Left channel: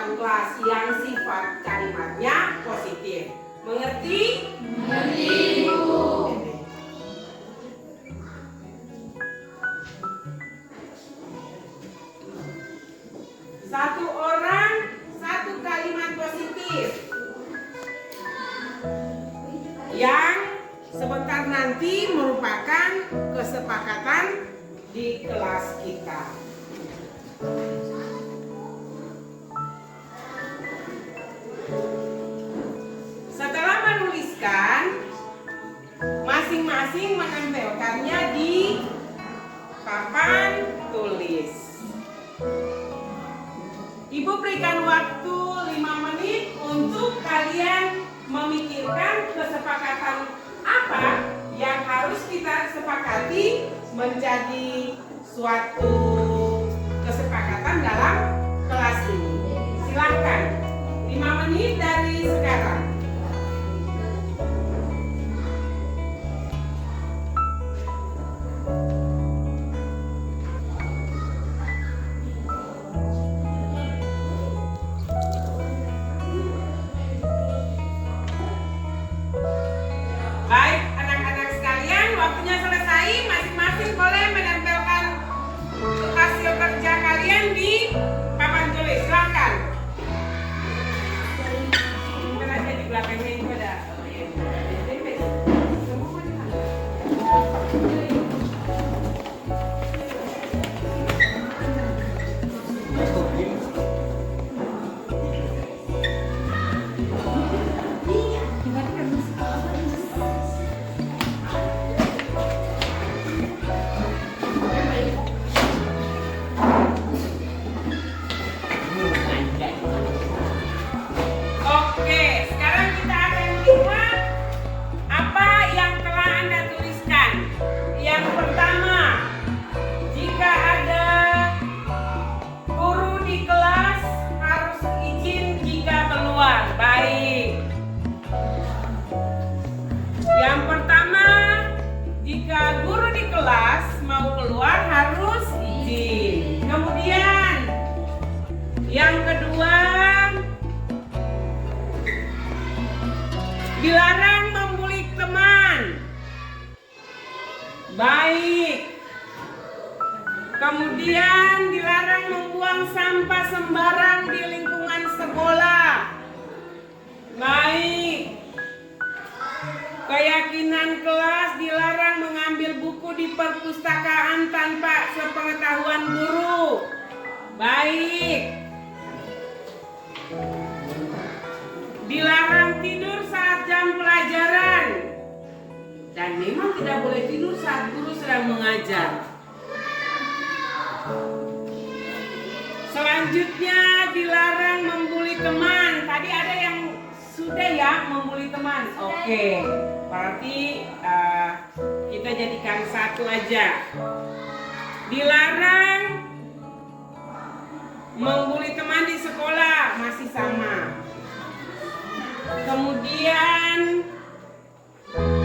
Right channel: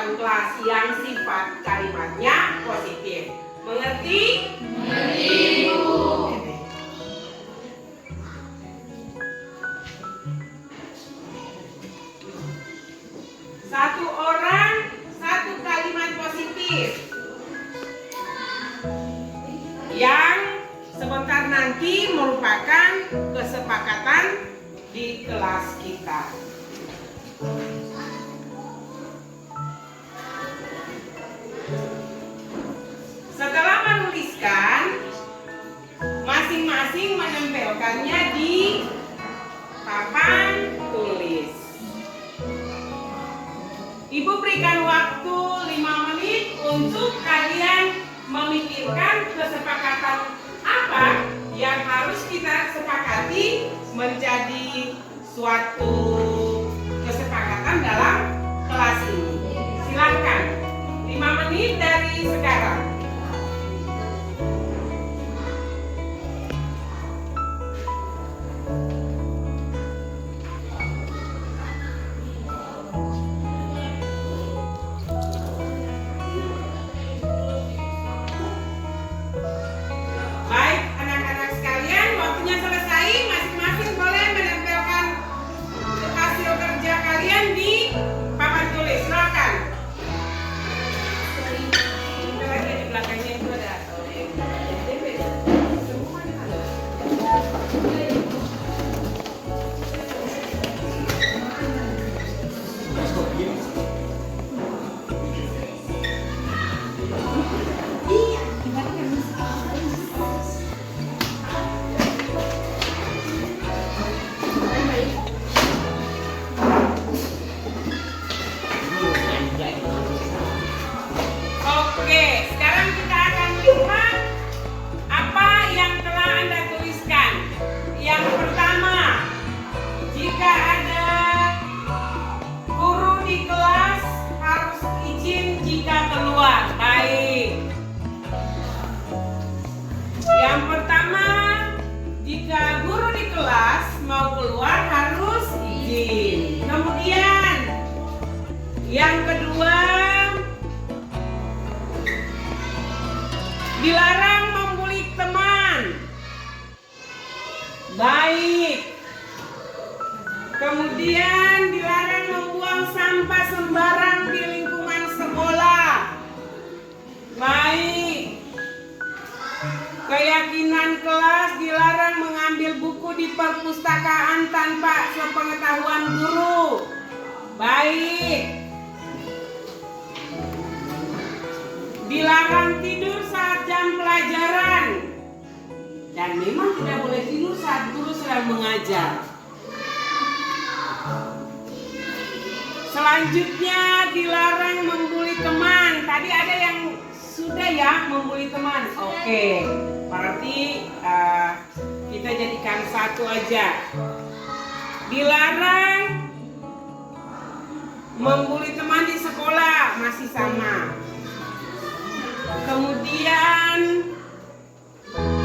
kesepakatan kelas yang sifat kalimatnya positif. Mengerti? Mengerti, Bu. Satu orang, satu kalimat positif yang sebentar nanti merupakan kesepakatan di kelas kita. Setelah menuliskan, masing-masing menempelkannya di papan tulis. Ibu berikan waktu 5 menit untuk kalian memikirkan kesepakatan apa yang harus kita sepakati menjadi suatu kesepakatan dalam kelas ini. Silakan, 5 menit dari sekarang. Baik, anak-anak sekalian, waktunya selesai. Masing-masing boleh menempelkan hasil kerja kalian di papan tulis. Silakan. Lagi di belakangnya itu ada. Oke, sekarang kita akan lihat apa yang telah Anda tuliskan. Yang pertama, jika ada guru di kelas harus izin jika keluar. Baik. Yang pertama, jika guru di kelas mau keluar harus izin. Kemudian, yang kedua, dilarang membuli teman. Baik. Kemudian dilarang membuang sampah sembarang di lingkungan sekolah. Baik. Keyakinan kelas dilarang mengambil buku di perpustakaan tanpa sepengetahuan guru. Baik. Dilarang tidur saat jam pelajaran. Dan memang tidak boleh tidur saat guru sedang mengajar. Selanjutnya dilarang membuli teman. Tadi ada yang sudah ya membuli teman. Oke, berarti kita jadikan satu aja. Dilarang membuli teman di sekolah, masih sama. Kemudian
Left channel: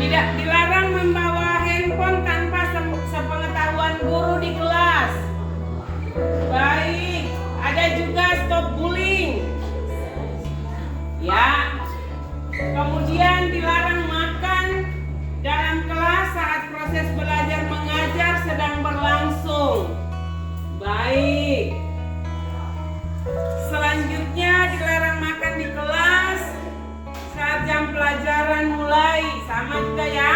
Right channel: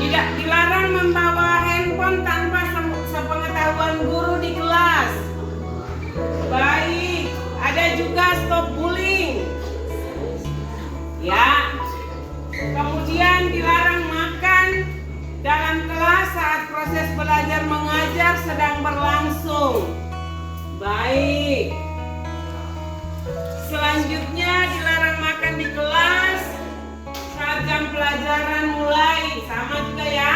tidak dilarang membawa handphone tanpa sepengetahuan guru di kelas. Baik, ada juga stop bullying. Ya. Kemudian dilarang makan dalam kelas saat proses belajar mengajar sedang berlangsung. Baik. Selanjutnya dilarang makan di kelas saat jam pelajaran mulai. Sama juga ya.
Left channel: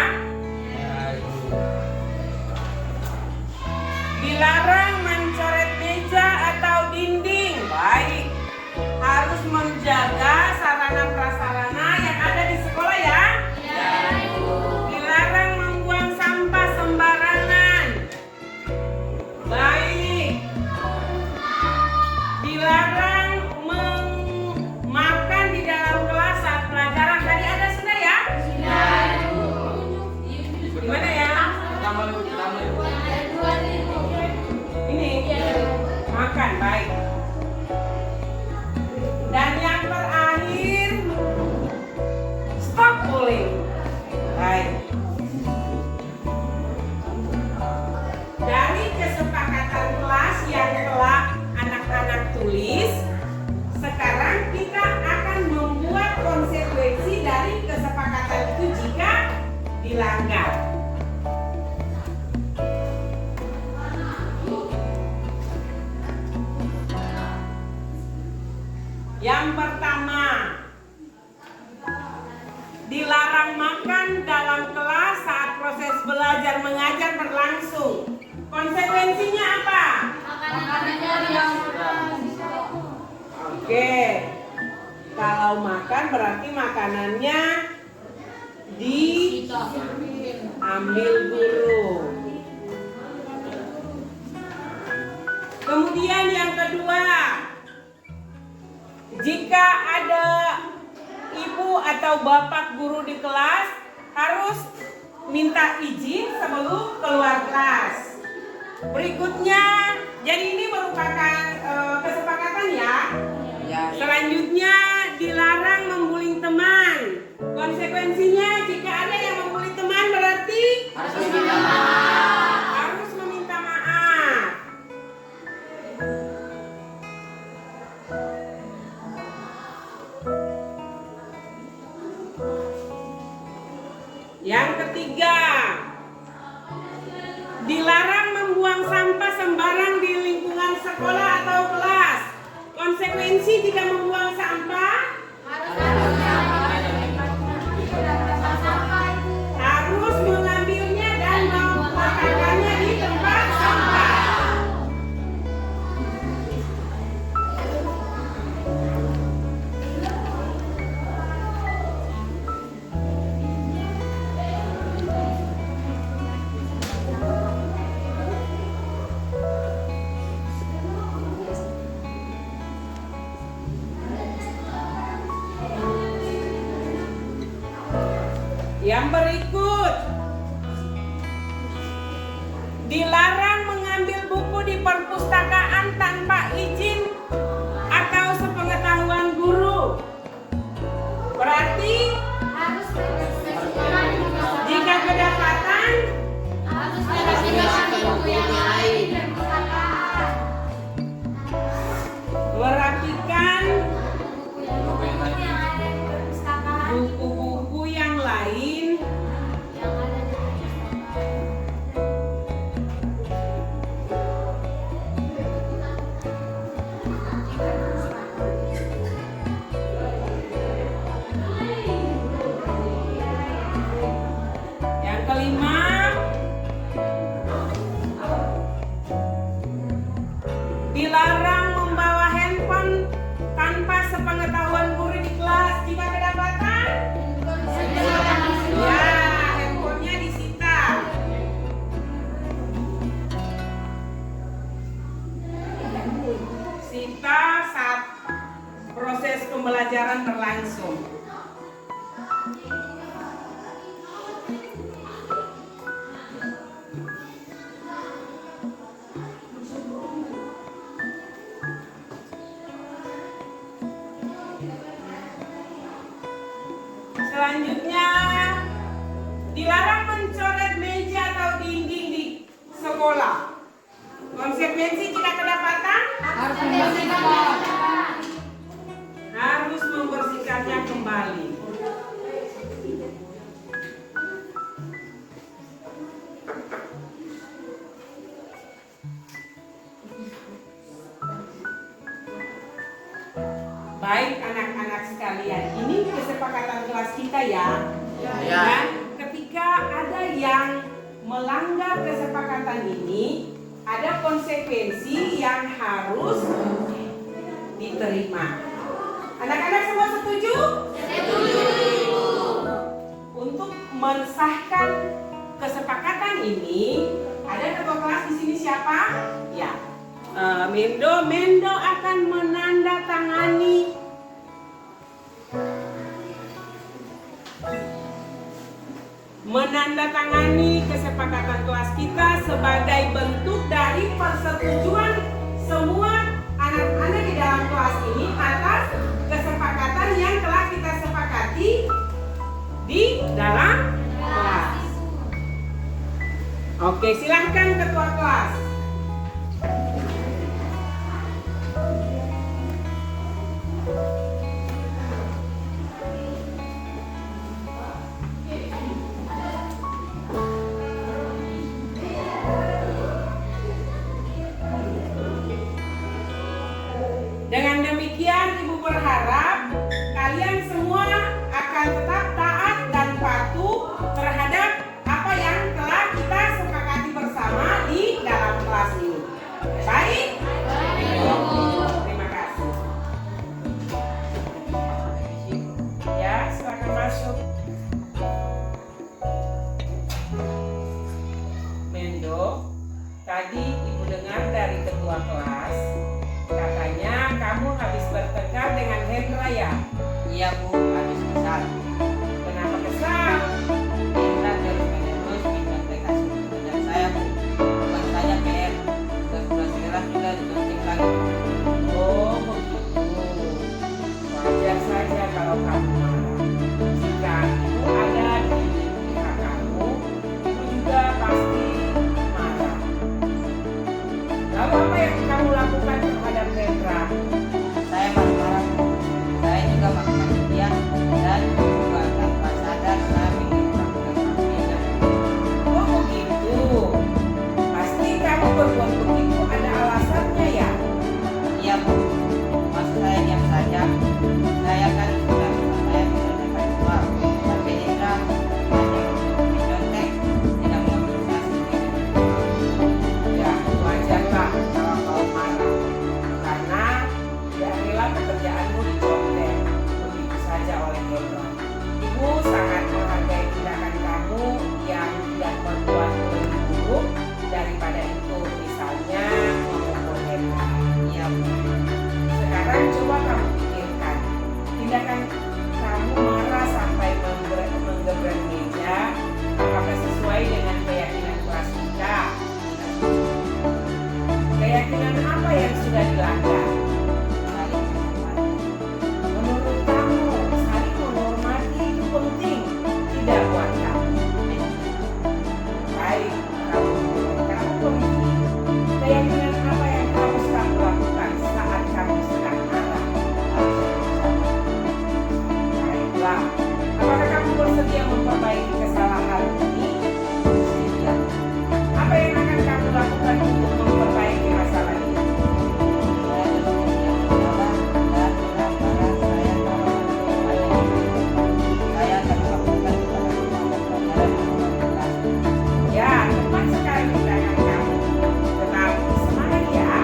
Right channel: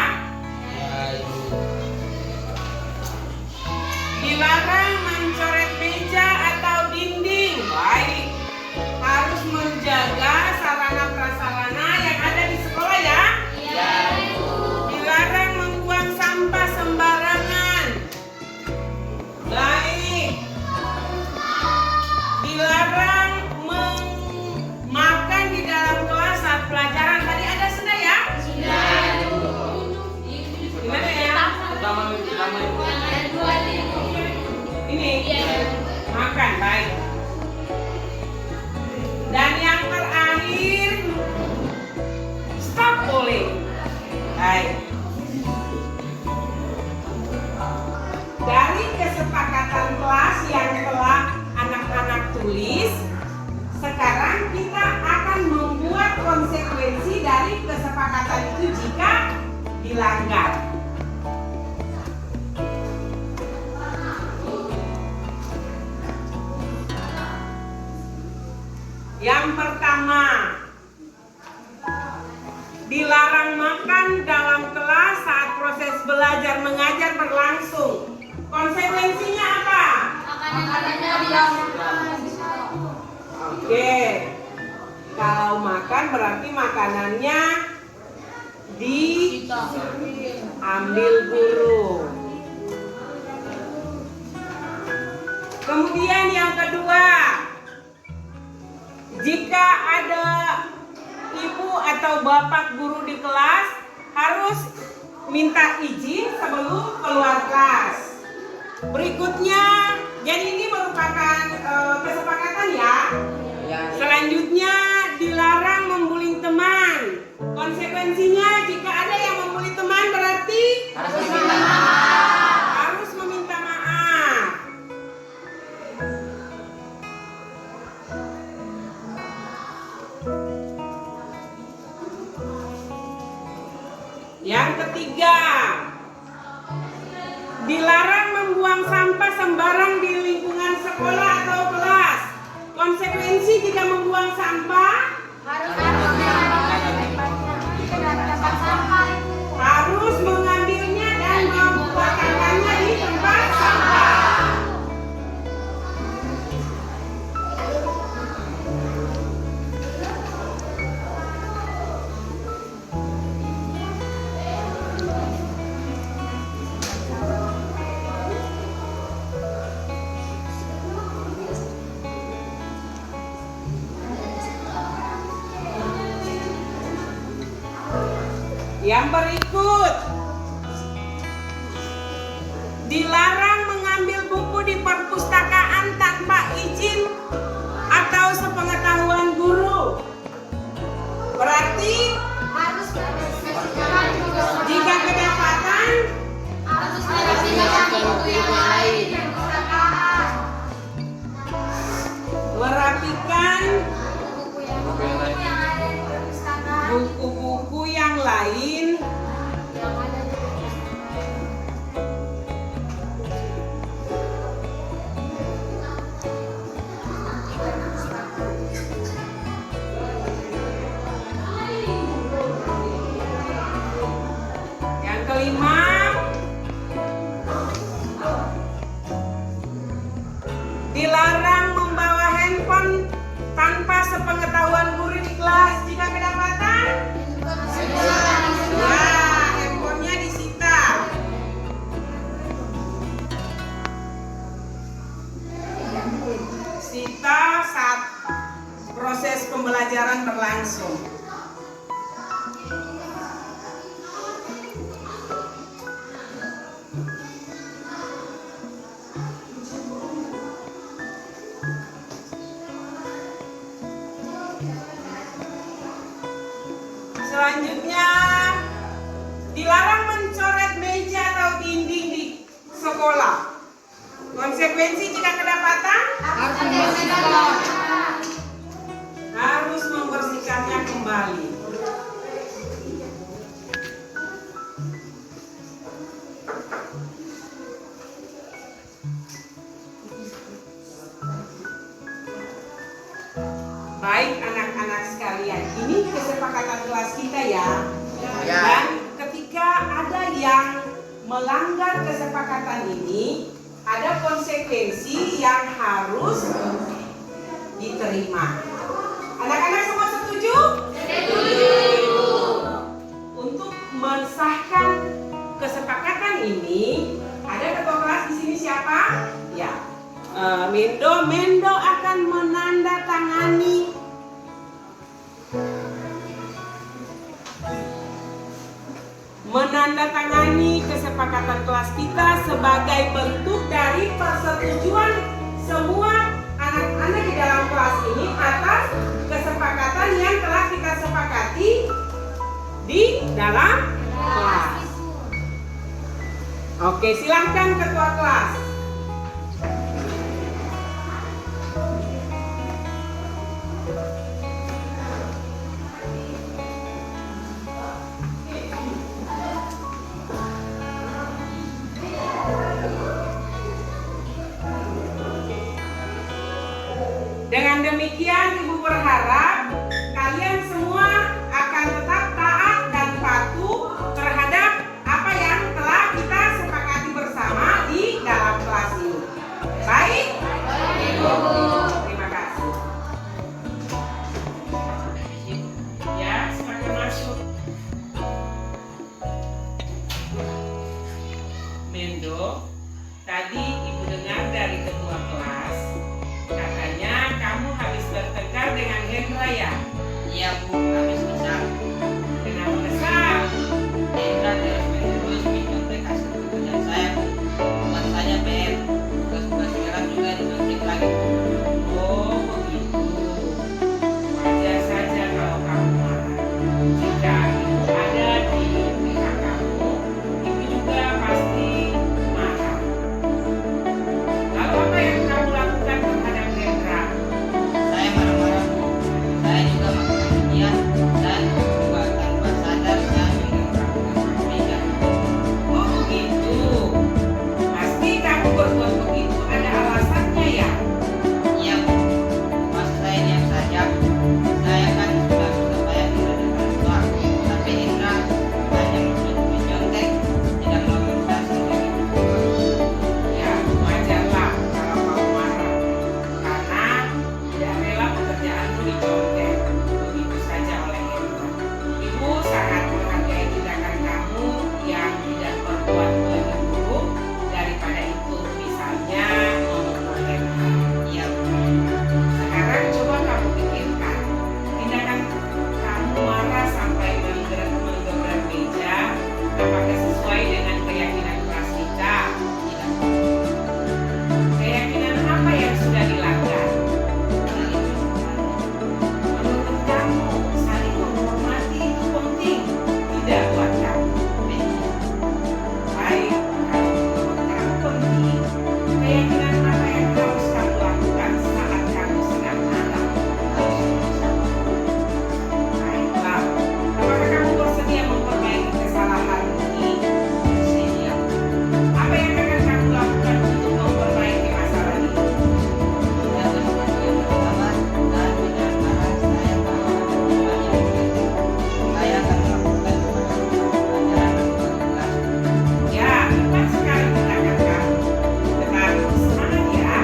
Dilarang mencoret meja atau dinding. Baik. Harus menjaga sarana prasarana yang ada di sekolah ya. Dilarang membuang sampah sembarangan. Baik. Dilarang itu jika dilanggar. Yang pertama, dilarang makan dalam kelas saat proses belajar mengajar berlangsung. Konsekuensinya apa? Oke, kalau makan berarti makanannya diambil guru. Kemudian yang kedua, jika ada ibu atau bapak guru di kelas harus minta izin sebelum keluar kelas. Berikutnya, jadi ini merupakan kesepakatan ya. Selanjutnya, dilarang membuli teman. Konsekuensinya jika ada yang membuli teman berarti harus meminta maaf. Yang ketiga, dilarang membuang sampah sembarang di lingkungan sekolah atau kelas. Konsekuensi jika membuang sampah harus mengambilnya dan membuangkannya di tempat sampah. Yang berikut, dilarang mengambil buku di perpustakaan tanpa izin atau sepengetahuan guru. Berarti jika kedapatan merapikan buku-buku yang lain yang kelima, dilarang membawa handphone tanpa sepengetahuan guru di kelas. Jika kedapatan, ya, handphonenya disita. Sita saat proses pembelajaran berlangsung. Selanjutnya, dilarang mencoret meja atau dinding di sekolah. Konsekuensi jika kedapatan harus membersihkannya kembali. Baik anak-anak sekalian, ini kesepakatan kelas kita ya. Dan ketika ada yang melanggar kesepakatan ini, ada konsekuensi yang harus diterima. Anak-anak semua setuju? Setuju. Untuk mensahkan kesepakatan ini, ada ketua kelas di sini siapa? Ya, Mendo akan menandatangani kesepakatan kelas kita sebagai bentuk dari persetujuan semua anak-anak di dalam kelas ini atas kesepakatan yang telah kita sepakati di dalam kelas. Oke, silahkan ketua kelas. saya? Iya Bu, habis kesal. Kenapa kesal? Indra terus-menerus mencontek hasil pekerjaan saya Bu. Bukan saja PM, tugas-tugas kelas juga dicontek lagi. Oh begitu. Wajar saja kalau kamu marah. Jika itu ada di pihak kamu, ibu juga pasti marah. Lalu apa yang kamu lakukan terhadap Rendra? Saya marah-marah Bu. Saya juga maki-maki dia dan juga tanpa sadar saya mengirimkan meja. Oh begitu. Pasti kamu berbuat begitu ada alasannya ya? Iya Bu, masa saya diam saja. Saya kan sudah bisa bayar Indra depan luar. Tapi Indra hanya untuk mencontek, tidak mengomunikasi dengan ibu. Ya wajarlah kalau kamu marah. Karena tidak rela pekerjaanmu dicontek begitu saja oleh Hendra. Ibu sangat menghargai tindakan kamu yang tidak berbuat lebih buruk daripada itu, misalnya memukul Hendra. Iya Bu. Sekarang coba kamu pikirkan, tindakan kamu marah sampai menggebrak meja, apakah sesuai dengan keyakinan kelas kita? Keyakinan apa yang sudah dilanggar? Saling menghormati. Menurut kamu, saling menghormati itu penting, tidak buat kamu? Baik, kalau menurut kamu penting, keyakinan apa yang harus kamu lakukan saat kamu sedang marah? Baiklah, apakah kamu bersedia memperbaiki kesalahan ini? Bersedia. Apa yang akan kamu lakukan untuk memperbaiki masalah ini? Saya bersedia bersabar dan dengan marah saya tahu ada yang saya akan melakukan kepada pelajaran atau kelas. Ya, tepat sekali tindakan kamu. Tetap semangat ya.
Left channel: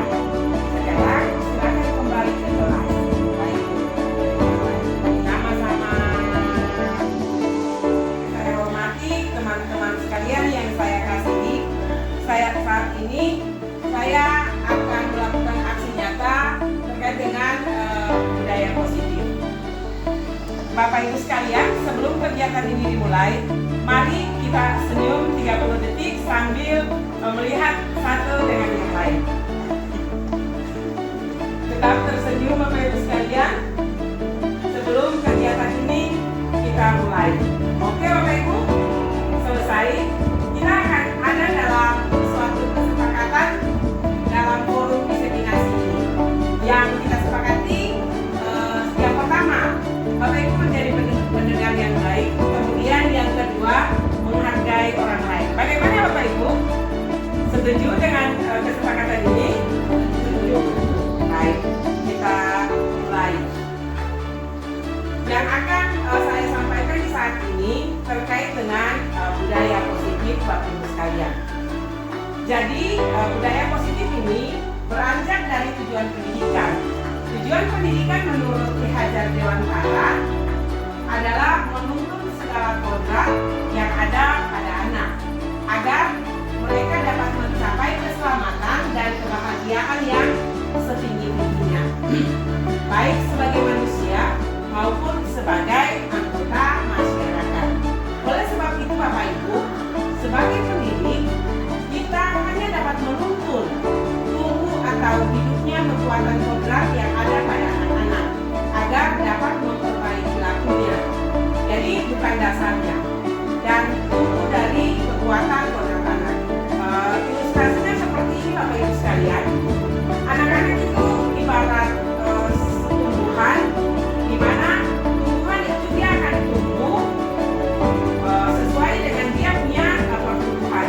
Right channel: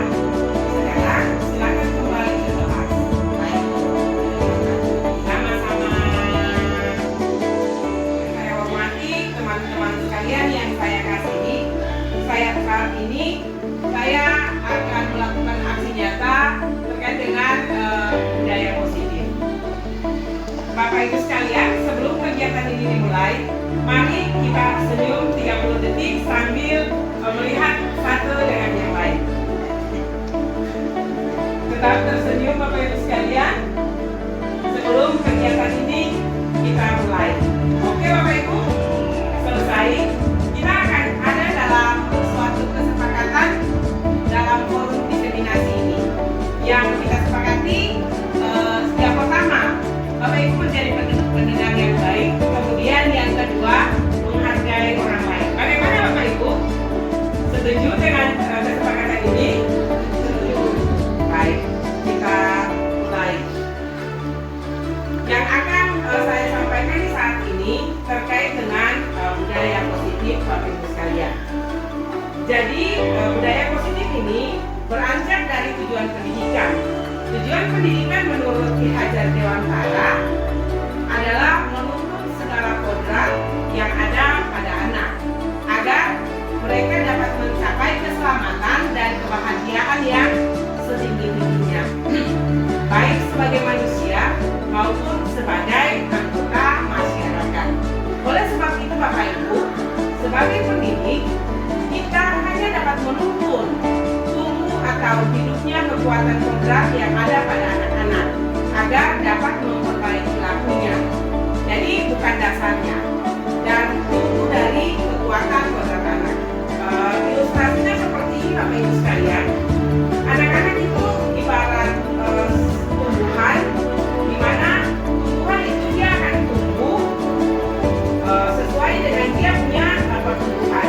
Sekarang silakan kembali ke kelas. Baik Bu, terima kasih. Sama-sama. Saya hormati teman-teman sekalian yang saya kasihi. Saat ini saya akan melakukan aksi nyata terkait dengan budaya positif. Bapak Ibu sekalian, sebelum kegiatan ini dimulai, mari kita senyum 30 detik sambil melihat satu dengan yang lain. Tetap tersenyum Bapak Ibu sekalian. Sebelum kegiatan ini kita mulai. Oke Bapak Ibu, selesai. Kita akan ada dalam suatu kesepakatan dalam forum diseminasi ini. Yang kita sepakati yang pertama, Bapak Ibu menjadi pendengar yang baik. Kemudian yang kedua, menghargai orang lain. Bagaimana Bapak Ibu? Setuju dengan kesepakatan ini? Setuju. Baik, kita mulai. Yang akan saya sampaikan di saat ini terkait dengan budaya positif Bapak Ibu sekalian. Jadi budaya positif ini beranjak dari tujuan pendidikan. Tujuan pendidikan menurut Ki Hajar Dewantara adalah menuntut segala kodrat yang ada pada anak agar mereka dapat mencapai keselamatan dan kebahagiaan yang setinggi-tingginya, baik sebagai manusia maupun sebagai anggota masyarakat. Oleh sebab itu Bapak Ibu, sebagai pendidik, kita hanya dapat menuntun tumbuh atau hidupnya kekuatan kodrat yang ada pada anak-anak agar dapat memperbaiki lakunya. Jadi bukan dasarnya, dan tumbuh dari kekuatan kodrat anak. Ilustrasinya seperti ini Bapak Ibu sekalian. Anak-anak itu ibarat tumbuhan, di mana tumbuhan itu dia akan tumbuh sesuai dengan dia punya pertumbuhan.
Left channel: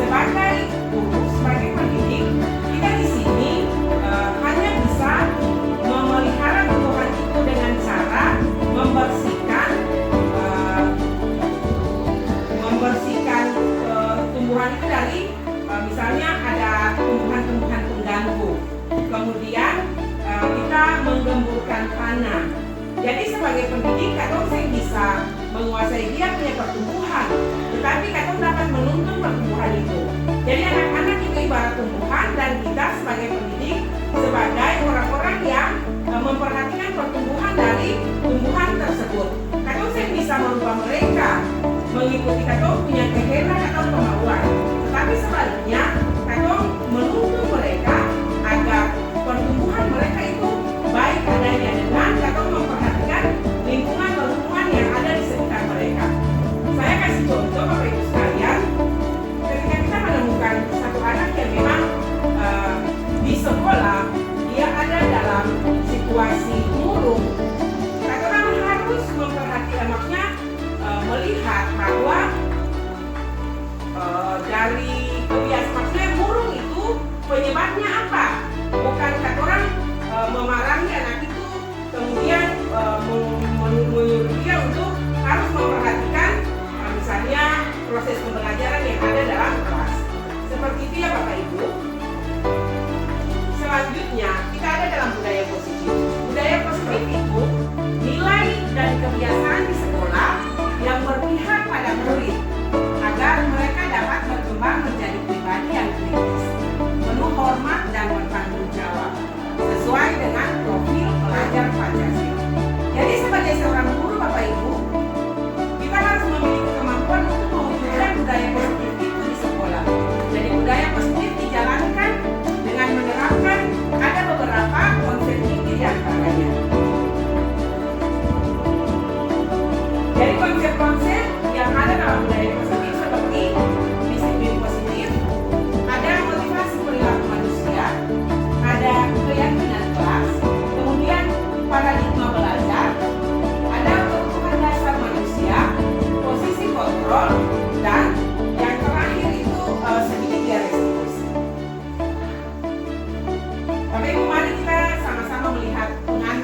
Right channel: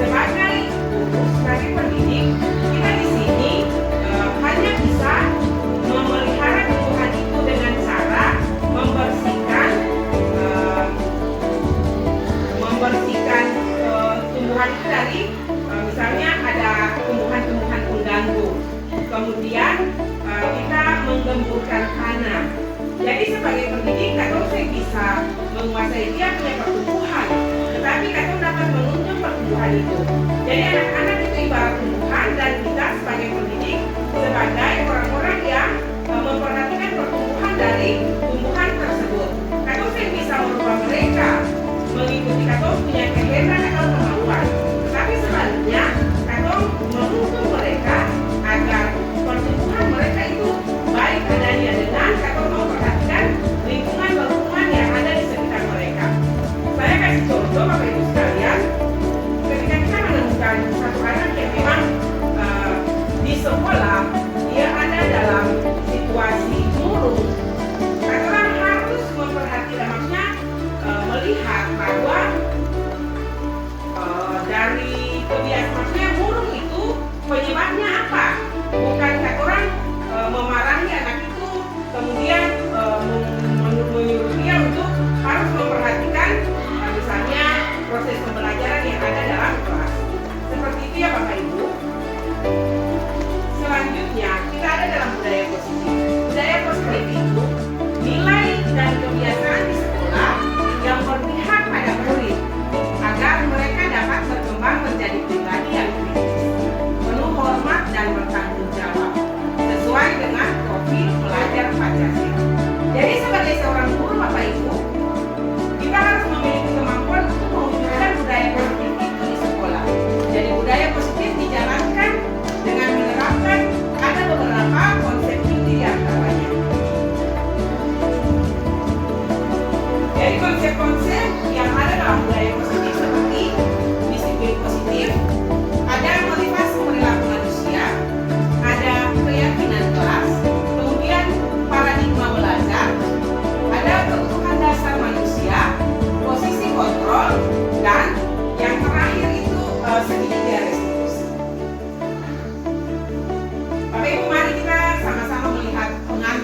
Sebagai guru, sebagai pendidik, kita di sini hanya bisa memelihara tumbuhan itu dengan cara membersihkan tumbuhan itu dari misalnya ada tumbuhan-tumbuhan pengganggu. Kemudian kita menggemburkan tanah. Jadi sebagai pendidik, Katong bisa menguasai dia punya pertumbuhan, tetapi Katong dapat menuntun pertumbuhan itu. Jadi anak-anak itu ibarat tumbuhan, dan kita sebagai pendidik sebagai orang-orang yang memperhatikan pertumbuhan dari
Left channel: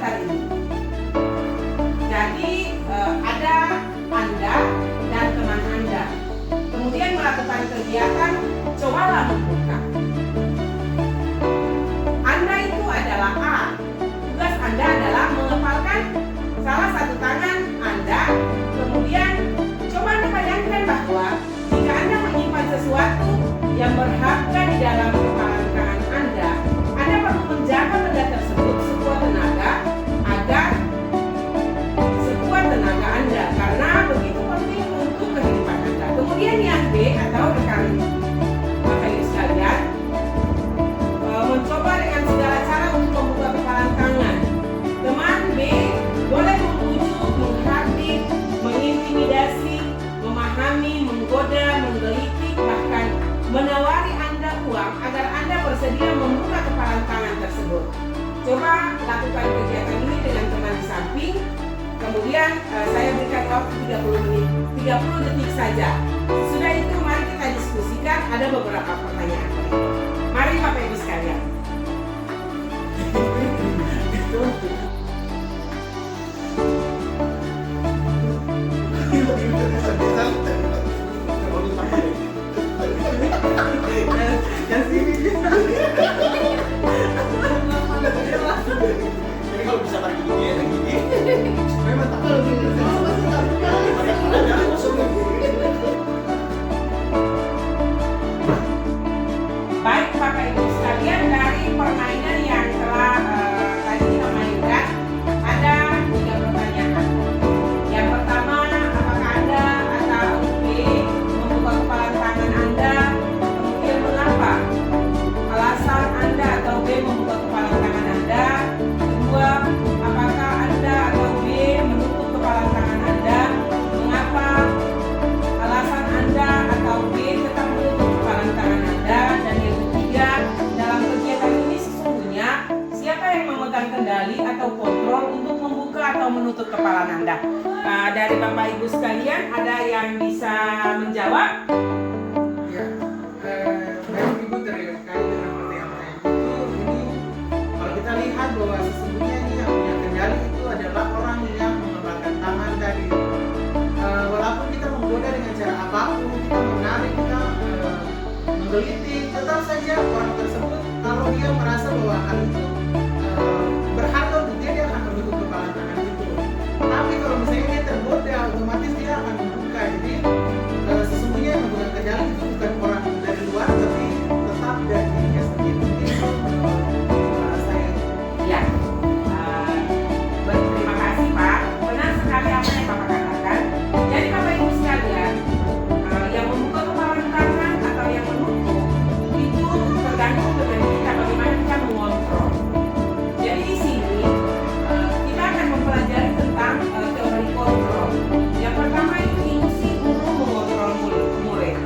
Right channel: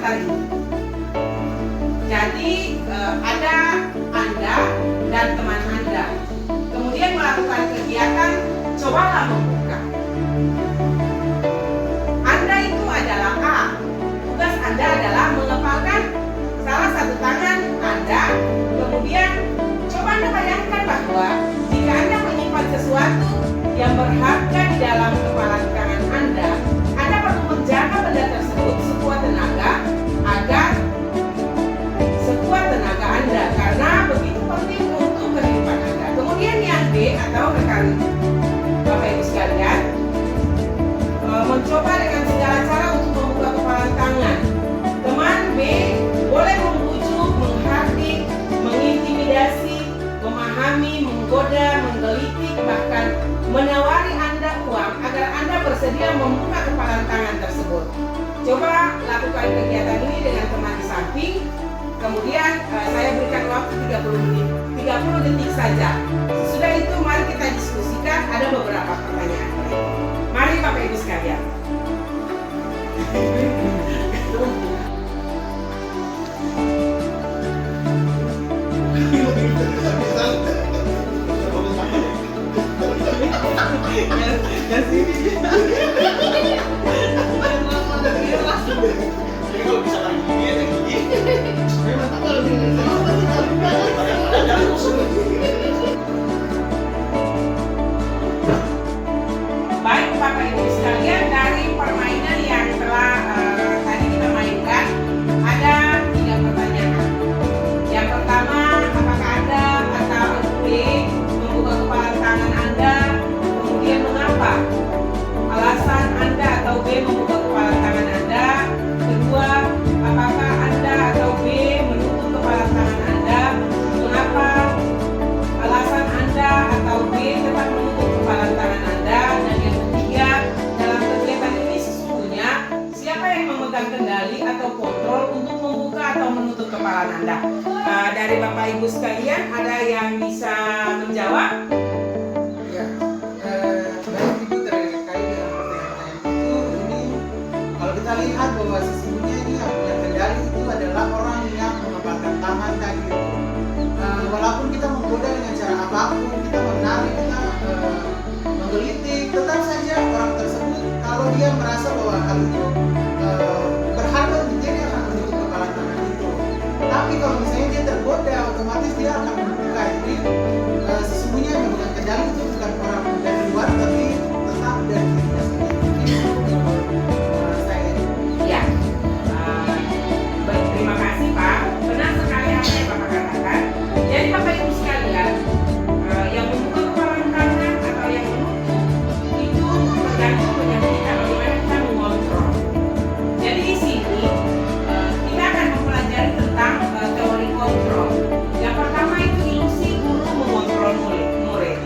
pengantar ini. Jadi ada Anda dan teman Anda, kemudian melakukan kegiatan cobalah membuka. Anda itu adalah A. Tugas Anda adalah mengepalkan salah satu tangan Anda. Kemudian coba Anda bayangkan bahwa jika Anda menyimpan sesuatu yang berharga di dalam kepalan tangan Anda perlu menjaga benda tersebut sekuat tenaga agar sekuat tenaga Anda, karena begitu penting untuk kehidupan Anda. Kemudian yang B atau rekan Bapak Ibu sekalian, mencoba dengan segala cara untuk membuka kepalan tangan. Teman B boleh membujuk, menghardik, mengintimidasi, memahami, menggoda, menggelitik, bahkan menawari Anda uang agar Anda bersedia membuka kepalan tangan tersebut. Coba lakukan kegiatan ini dengan teman di samping. Kemudian saya berikan waktu 30 detik saja. Sesudah itu mari kita diskusikan, ada beberapa pertanyaan berikut. Mari Bapak Ibu sekalian. Jadi kalau bisa lagi gini, memang tak lebih. Baik Bapak Ibu sekalian, dari permainan yang telah tadi kita mainkan, ada 3 pertanyaan. Yang pertama, apakah Anda atau B membuka kepalan tangan Anda? Kemudian mengapa? Alasan Anda atau B membuka kepalan tangan Anda. Kedua, apakah Anda atau B menutup kepalan tangan Anda? Mengapa? Alasan Anda atau B tetap menutup kepalan tangan Anda. Dan yang ketiga, dalam kegiatan ini sesungguhnya siapa yang memegang kendali atau kontrol untuk membuka atau menutup kepalan Anda? Dari Bapak Ibu sekalian, ada yang bisa menjawab? Ya, baik Ibu, terkait dengan pertanyaan-pertanyaan itu, ini kalau kita lihat bahwa sesungguhnya ini yang punya kendali itu adalah orang yang mengepalkan tangan tadi itu. Walaupun kita menggoda dengan cara apapun, kita menarik, kita menggelitik, tetap saja orang tersebut kalau dia merasa bahwa hal itu berharga untuk dia akan menutup kepala tangan itu. Tapi kalau misalnya dia tergoda, otomatis dia akan membuka. Jadi sesungguhnya yang memegang kendali itu bukan orang dari luar, tapi tetap dari dirinya sendiri. Mungkin saya. Ya, terima kasih Pak. Benar sekali apa yang Bapak katakan. Jadi Bapak Ibu sekalian, yang membuka kepalan tangan atau yang menutup itu tergantung dengan kita bagaimana kita mengontrol. Jadi di sini kita akan mempelajari tentang teori kontrol. Yang pertama itu ilusi guru mengontrol murid.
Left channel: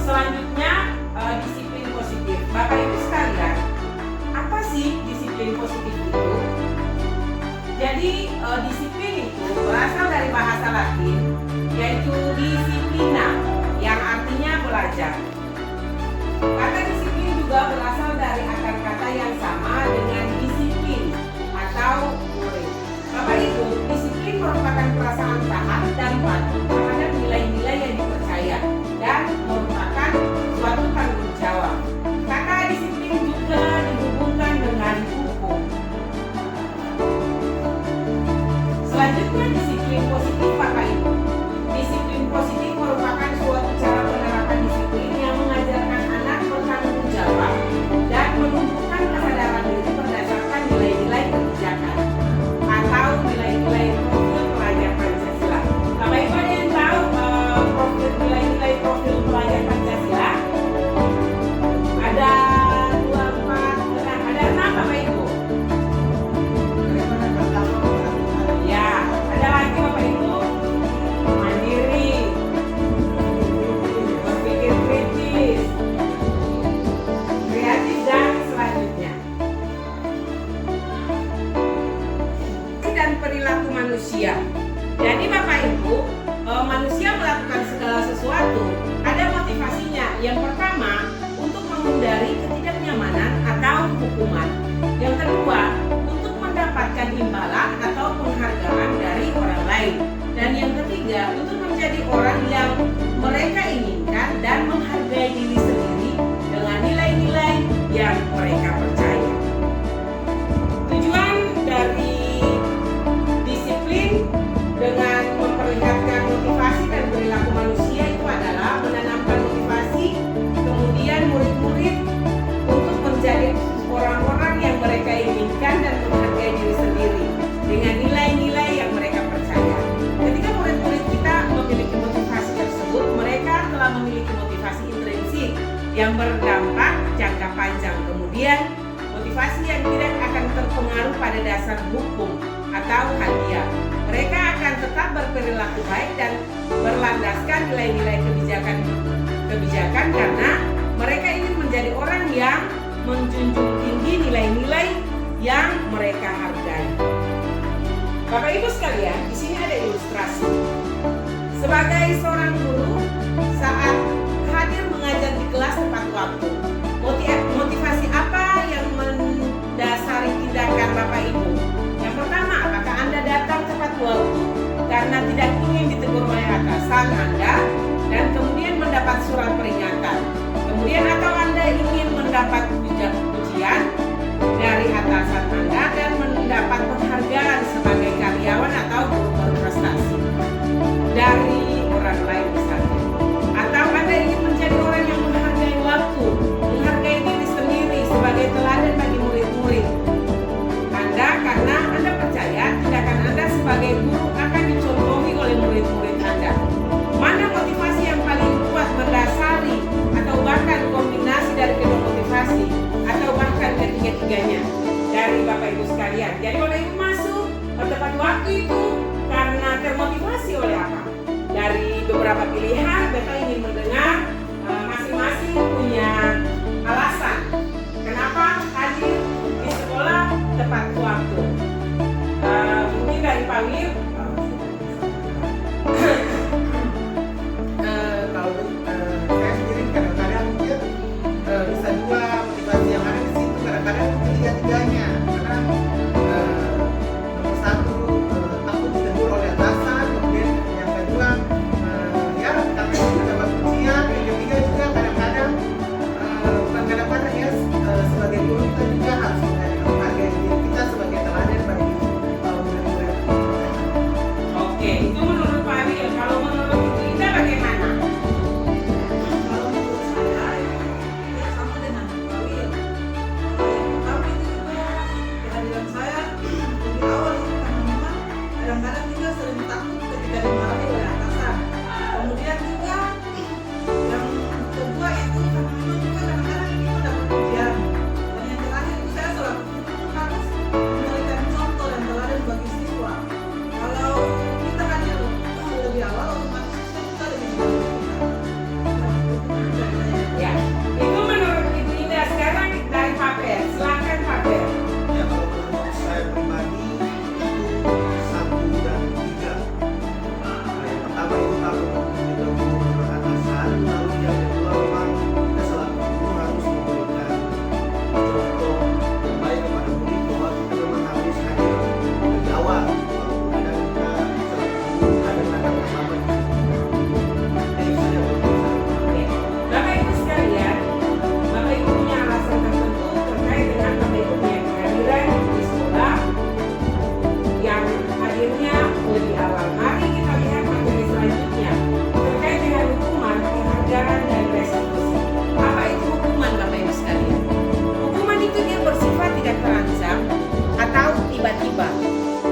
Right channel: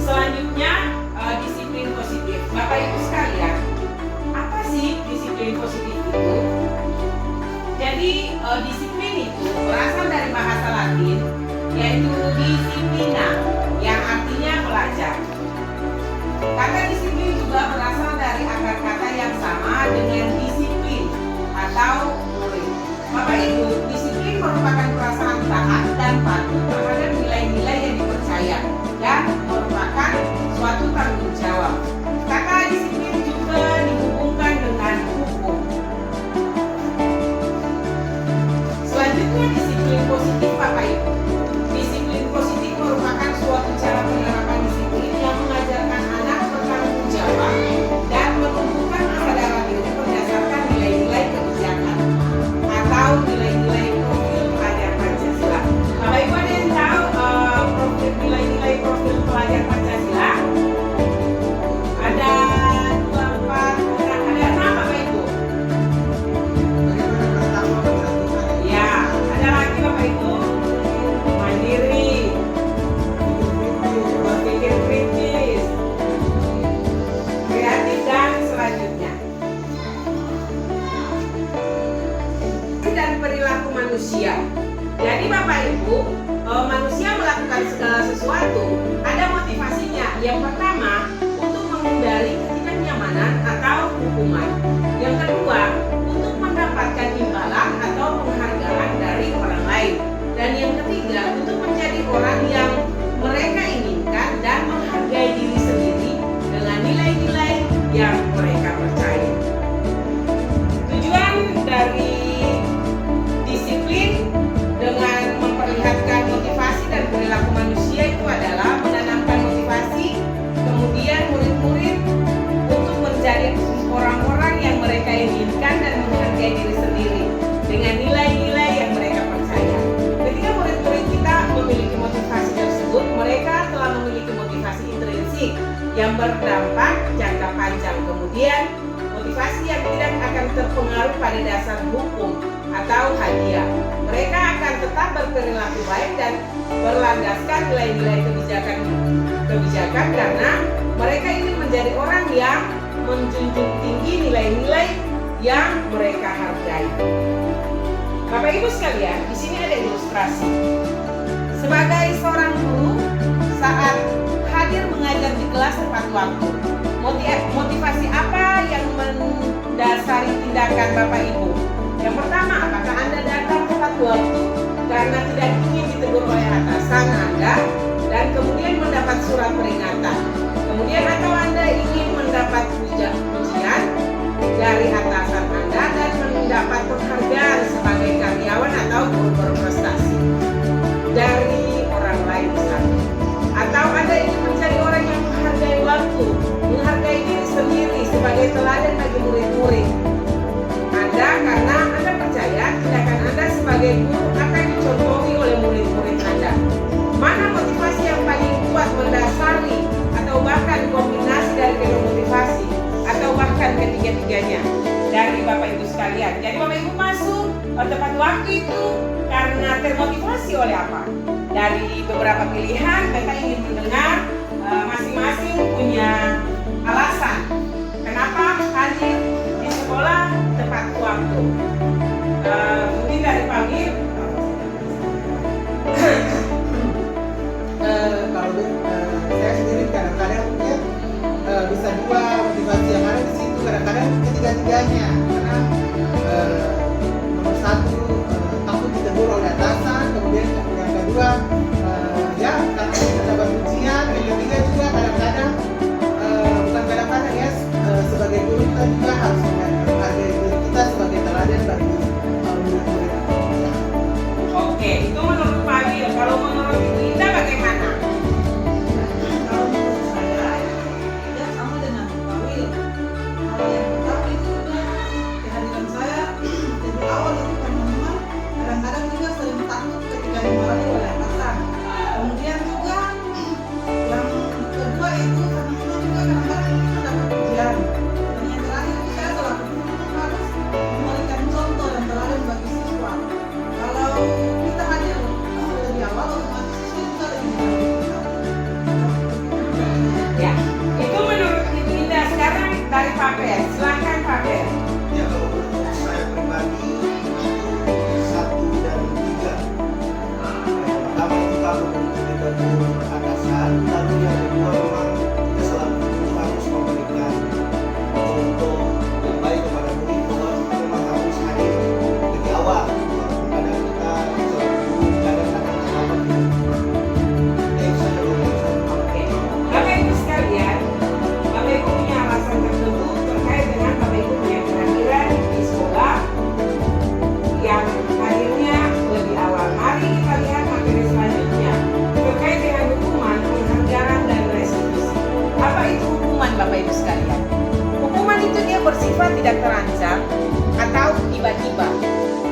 Selanjutnya disiplin positif. Bapak Ibu sekalian, apa sih disiplin positif itu? Jadi disiplin itu berasal dari bahasa Latin, yaitu disciplina, yang artinya belajar. Kata disiplin juga berasal dari akar kata yang sama dengan disiplin atau murid. Bapak Ibu, disiplin merupakan perasaan taat dan patuh terhadap nilai-nilai yang dipercaya dan merupakan suatu tanggung jawab. Kata disiplin juga dihubungkan dengan hukum. Selanjutnya disiplin positif Bapak Ibu. Disiplin positif merupakan suatu cara penerapan disiplin yang mengajarkan anak bertanggung jawab dan menumbuhkan kesadaran diri berdasarkan nilai-nilai kebijakan atau nilai-nilai profil pelajar Pancasila. Bapak Ibu ada yang tahu nilai-nilai profil pelajar Pancasila? Ada 2, 4 orang, ada 6 Bapak Ibu. Bagaimana bertakwa kepada Tuhan? Ya, ada lagi Bapak Ibu. Mandiri, berpikir kritis, kreatif, dan selanjutnya. Dan perilaku manusia. Jadi Bapak Ibu, manusia melakukan segala sesuatu ada motivasinya. Yang pertama, untuk menghindari ketidaknyamanan atau hukuman. Yang kedua, untuk mendapatkan imbalan atau penghargaan dari orang lain. Dan yang ketiga, untuk menjadi orang yang mereka inginkan dan menghargai diri sendiri dengan nilai-nilai yang mereka percaya. Tujuan dari disiplin dengan memperlihatkan motivasi dan perilaku manusia itu adalah menanamkan motivasi, kemudian murid-murid untuk menjadi orang-orang yang mereka inginkan dan menghargai diri sendiri dengan nilai-nilai yang mereka percaya. Ketika murid-murid kita memiliki motivasi tersebut, mereka telah memiliki motivasi intrinsik yang berdampak jangka panjang. Kemudian motivasi yang tidak akan terpengaruh pada dasar hukum atau hadiah. Mereka akan tetap berperilaku baik dan berlandaskan nilai-nilai kebijakan karena mereka ingin menjadi orang yang menjunjung tinggi nilai-nilai yang mereka hargai. Bapak Ibu sekalian, di sini ada ilustrasi. Sebagai seorang guru, saat hadir mengajar di kelas tepat waktu, motivasi apa yang mendasari tindakan Bapak Ibu? Yang pertama, apakah Anda datang tepat waktu karena tidak ingin ditegur oleh atasan Anda dan kemudian mendapat surat peringatan? Kemudian atau Anda ingin mendapat pujian dari atasan Anda dan mendapat penghargaan sebagai karyawan atau guru berprestasi dari orang lain misalnya? Atau Anda ingin menjadi orang yang menghargai waktu, menghargai diri sendiri sebagai teladan bagi murid-murid Anda karena Anda percaya tindakan Anda sebagai guru akan dicontohi oleh murid-murid Anda? Mana motivasi yang paling kuat mendasari atau bahkan kombinasi dari kedua motivasi atau bahkan ketiga-tiganya dari Bapak Ibu sekalian? Jadi Bapak Ibu masuk tepat waktu itu karena termotivasi oleh apa? Dari beberapa pilihan, Bapak ingin mendengar masing-masing punya alasan kenapa hadir di sekolah tepat waktu. Mungkin dari Pamir. Kalau saya sendiri kadang-kadang mungkin bisa dua motivasi yang ada di situ, kadang-kadang ketiga-tiganya karena nomor satu takut ditegur oleh atasan, kemudian yang kedua ya karena kita dapat ujian, yang ketiga juga kadang-kadang bukan kadang-kadang ya sebagai guru kita juga harus menghargai diri kita sebagai teladan bagi murid-murid. Oke, itu menurut Pak Wil. Kalau menurut Linda bagaimana? Kalau menurut saya, ya sama dengan Pak Wil. Yang pertama itu juga kehadiran saya dari awal itu karena memang kadang-kadang juga sering takut ketika dimarahi oleh atasan. Kemudian juga yang kedua itu karena memang juga kadang-kadang kita mendapat ujian. Dan yang terakhir itu saya selaku guru harus memberikan contoh dan teladan bagi siswa. Kalau kita hadir lebih awal, otomatis siswa juga lebih mendahului kita. Ya, itu menurut Ibu Linda. Sekarang dari Pak Per. Silakan Pak Per. Ya kalau menurut saya pribadi itu 1 dan 3. Yang pertama itu kalau kita guru atasan, lalu yang kedua memang kita selaku guru harus memberikan contoh yang baik kepada murid bahwa kita memang harus hadir lebih awal. Kadang kita selaku guru kadang-kadang terlambat. Itu saja menurut saya. Oke. Bapak Ibu sekalian, Bapak Ibu punya alasan tertentu terkait dengan Bapak Ibu punya kehadiran di sekolah yang hadirnya lebih awal. Mari kita lihat materi selanjutnya terkait dengan hukuman, penghargaan, dan restitusi. Apa itu hukuman Bapak Ibu sekalian? Hukuman itu dia bersifat tidak terancam atau tiba-tiba.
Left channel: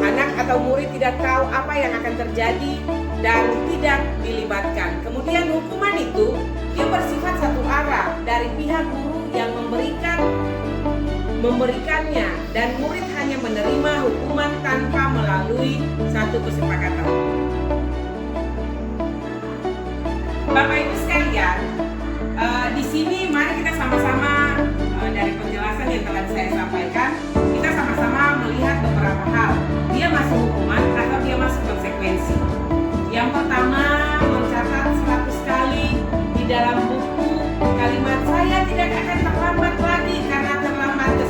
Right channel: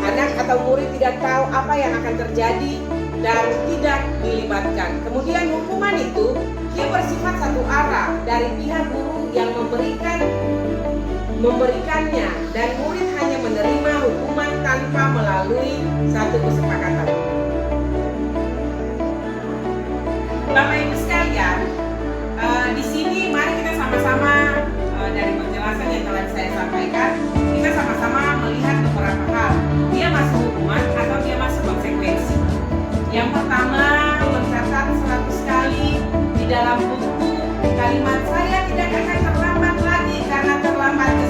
Anak atau murid tidak tahu apa yang akan terjadi dan tidak dilibatkan. Kemudian hukuman itu dia bersifat satu arah dari pihak guru yang memberikannya dan murid hanya menerima hukuman tanpa melalui satu kesepakatan. Bapak Ibu sekalian, di sini mari kita sama-sama dari penjelasan yang telah saya sampaikan, kita sama-sama melihat beberapa hal. Dia masuk hukuman atau dia masuk konsekuensi. Yang pertama, mencatat 100 kali di dalam buku kalimat saya tidak akan terlambat lagi karena terlambat ke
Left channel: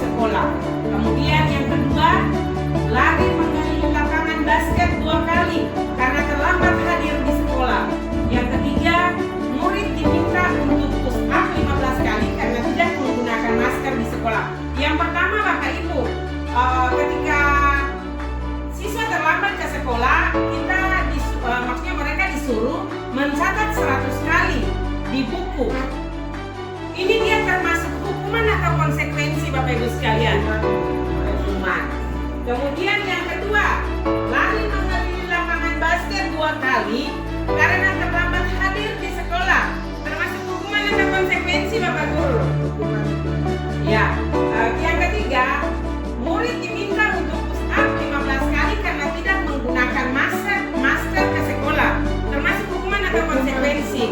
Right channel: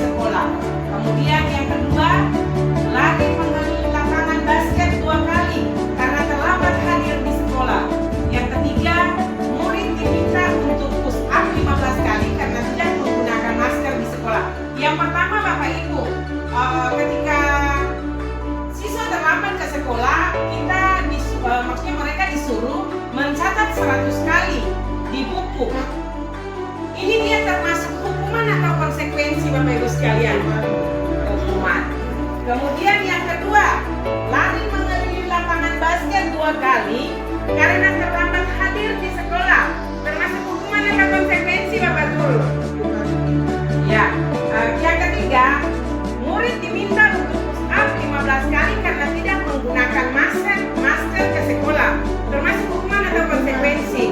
sekolah maksudnya mereka disuruh mencatat 100 kali di buku. Ini dia termasuk hukuman atau konsekuensi Bapak Ibu sekalian? Hukuman. Kemudian yang kedua, lari mengelilingi lapangan basket 2 kali karena terlambat hadir di sekolah. Termasuk hukuman atau konsekuensi Bapak Guru? Ya. Yang ketiga, murid diminta untuk push up 15 kali karena tidak menggunakan masker ke sekolah. Termasuk hukuman atau konsekuensi?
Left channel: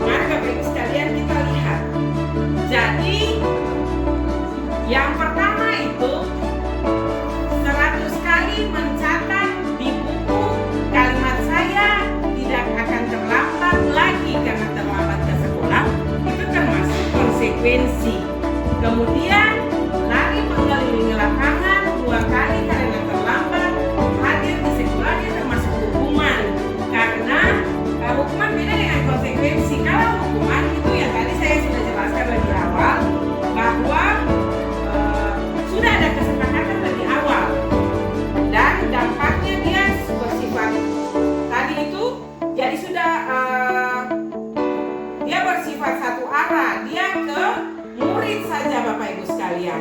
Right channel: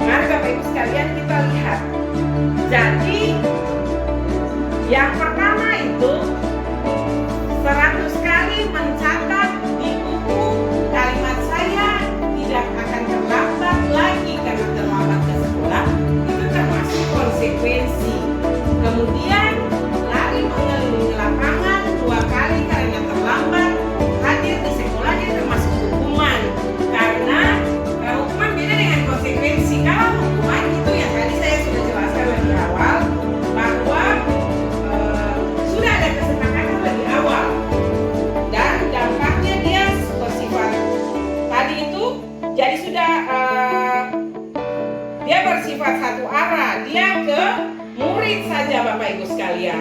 Mari Bapak Ibu sekalian kita lihat. Jadi yang pertama itu 100 kali mencatat di buku kalimat saya tidak akan terlambat lagi karena terlambat ke sekolah. Itu termasuk konsekuensi. Kemudian lari mengelilingi lapangan 2 kali karena terlambat hadir di sekolah, dia termasuk hukuman. Karena hukuman beda dengan konsekuensi. Kalau hukuman itu yang tadi saya sudah jelaskan lebih awal bahwa sudah ada kesepakatan lebih awal dan dampaknya dia bersifat tadi itu jadi sudah dia bersifat satu arah, dia ke murid saja Bapak Ibu sekalian.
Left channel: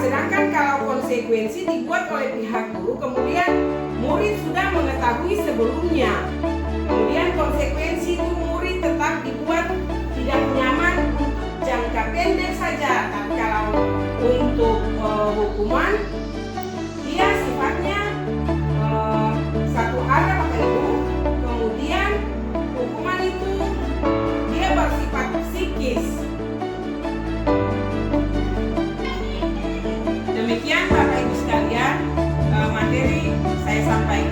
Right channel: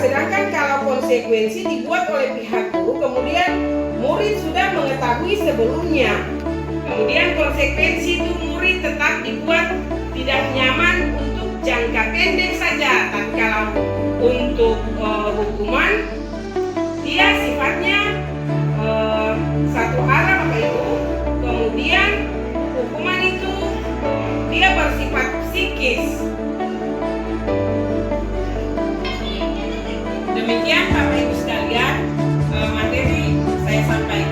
Sedangkan kalau konsekuensi dibuat oleh pihak guru, kemudian murid sudah mengetahui sebelumnya. Kemudian konsekuensi itu murid tetap dibuat tidak nyaman untuk jangka pendek saja. Tapi kalau untuk hukuman, dia sifatnya satu arah Bapak Ibu. Kemudian hukuman itu dia bersifat psikis. Demikian Bapak Ibu sekalian materi saya sampaikan.